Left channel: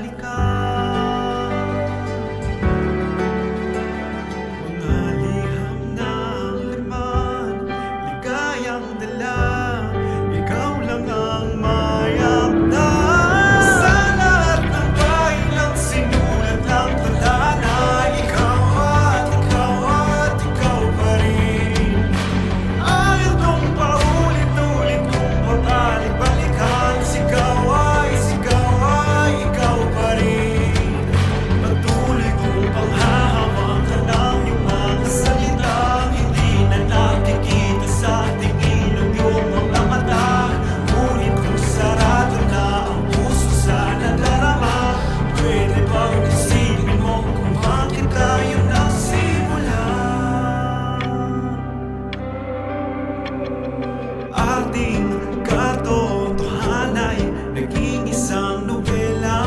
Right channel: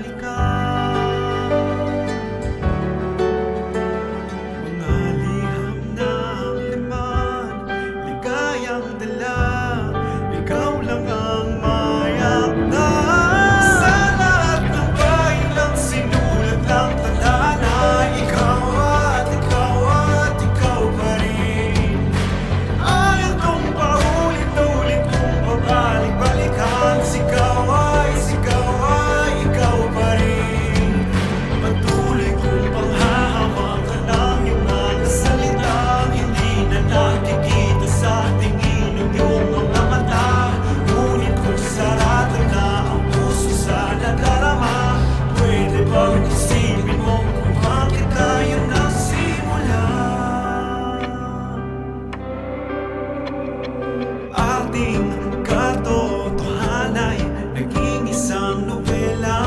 balikan. Mga liham ng laman, ligayang dala, ikaw lang ang mayakdan. Sa lahat ng bahay ng sinulat ng tadhana, ikaw at ikaw at ikaw pa rin. Ayaw kong paulit-ulit kong babalik-balikan. Sigaw ay ikaw pa rin. Patuloy kong panghahawakan ang iyong mga salitang hindi na nakikita sa tingin ng iyong mga mata. Ngunit kung sarado na ang puso sa nadarama, pwede bang isipin mo kung bakit tayo nagsimula? Ating katotohanay naging isang nobela.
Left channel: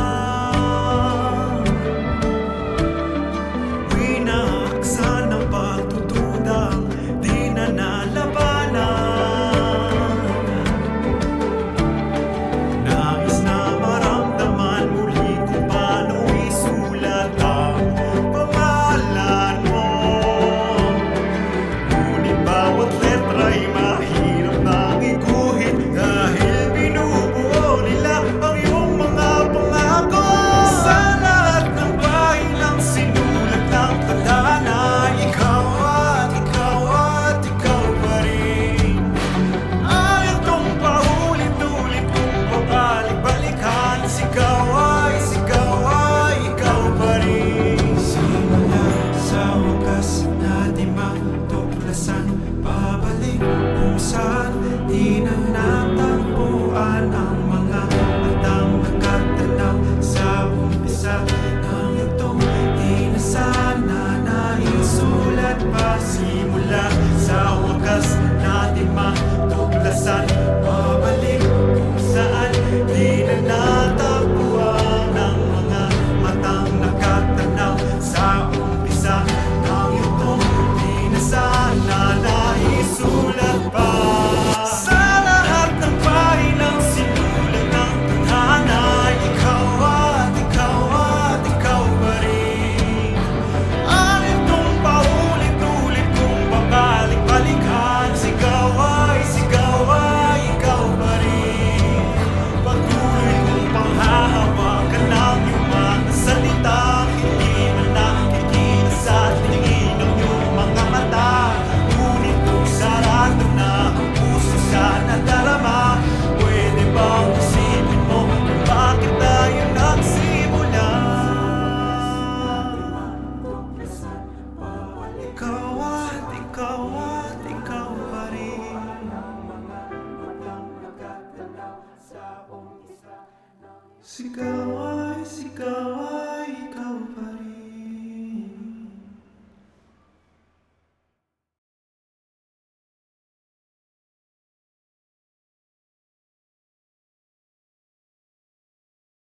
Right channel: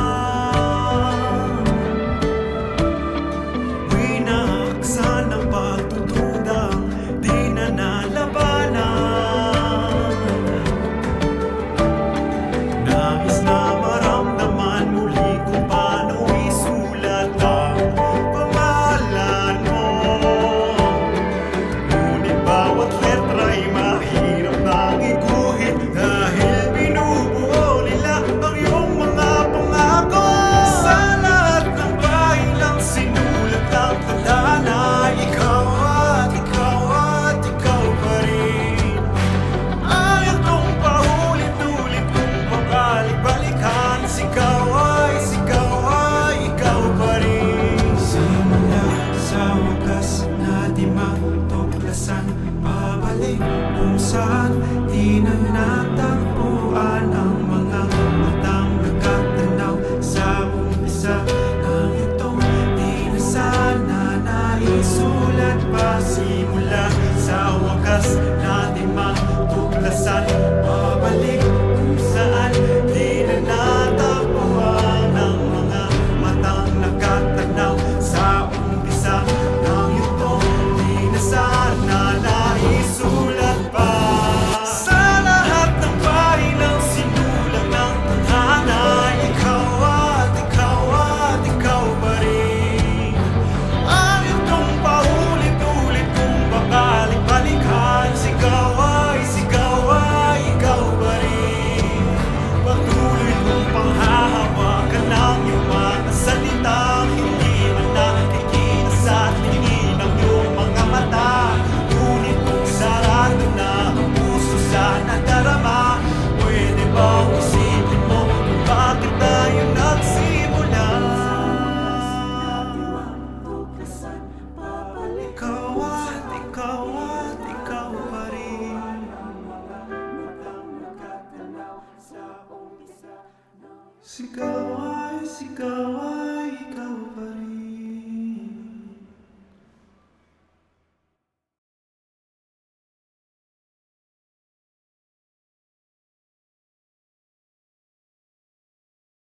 Winaksan ng pagdududang di na nalabanan. Nais na maramdaman muli kung paano isulat ang pangalan mo. Ngunit bawat letra'y mahirap nang iguhit dahil binubuo nila ang iyong mga pangako. Sa lahat ng bahay ng sinulat ng tadhana, ikaw at ikaw at ikaw pa rin. Ayaw kong paulit-ulit kong babalik-balikan. Sigaw ay ikaw pa rin. Simula sa wakas na di matuklasan, pabalik kung saan di na natagpuan ang mga matang nakatanaw sa umpisa ng yugtong di na sana naisulat pa. Simula sa wakas na di matuklasan, pabalik kung saan di na natagpuan ang mga matang nakatanaw sa umpisa ng yugtong di na sana naisulat pa. Sa lahat ng bahay ng sinulat ng tadhana, ikaw at ikaw pa rin. Ayaw kong paulit-ulit kong babalik-balikan. Sigaw ay ikaw pa rin. Patuloy kong panghahawakan ang iyong mga salitang hindi man nakikita sa tingin ng iyong mga mata. Ngunit kung sarado na ang puso sa nadarama, pwede bang isipin mo kung bakit tayo nagsimula? Ikaw at ikaw pa rin. Sigaw ay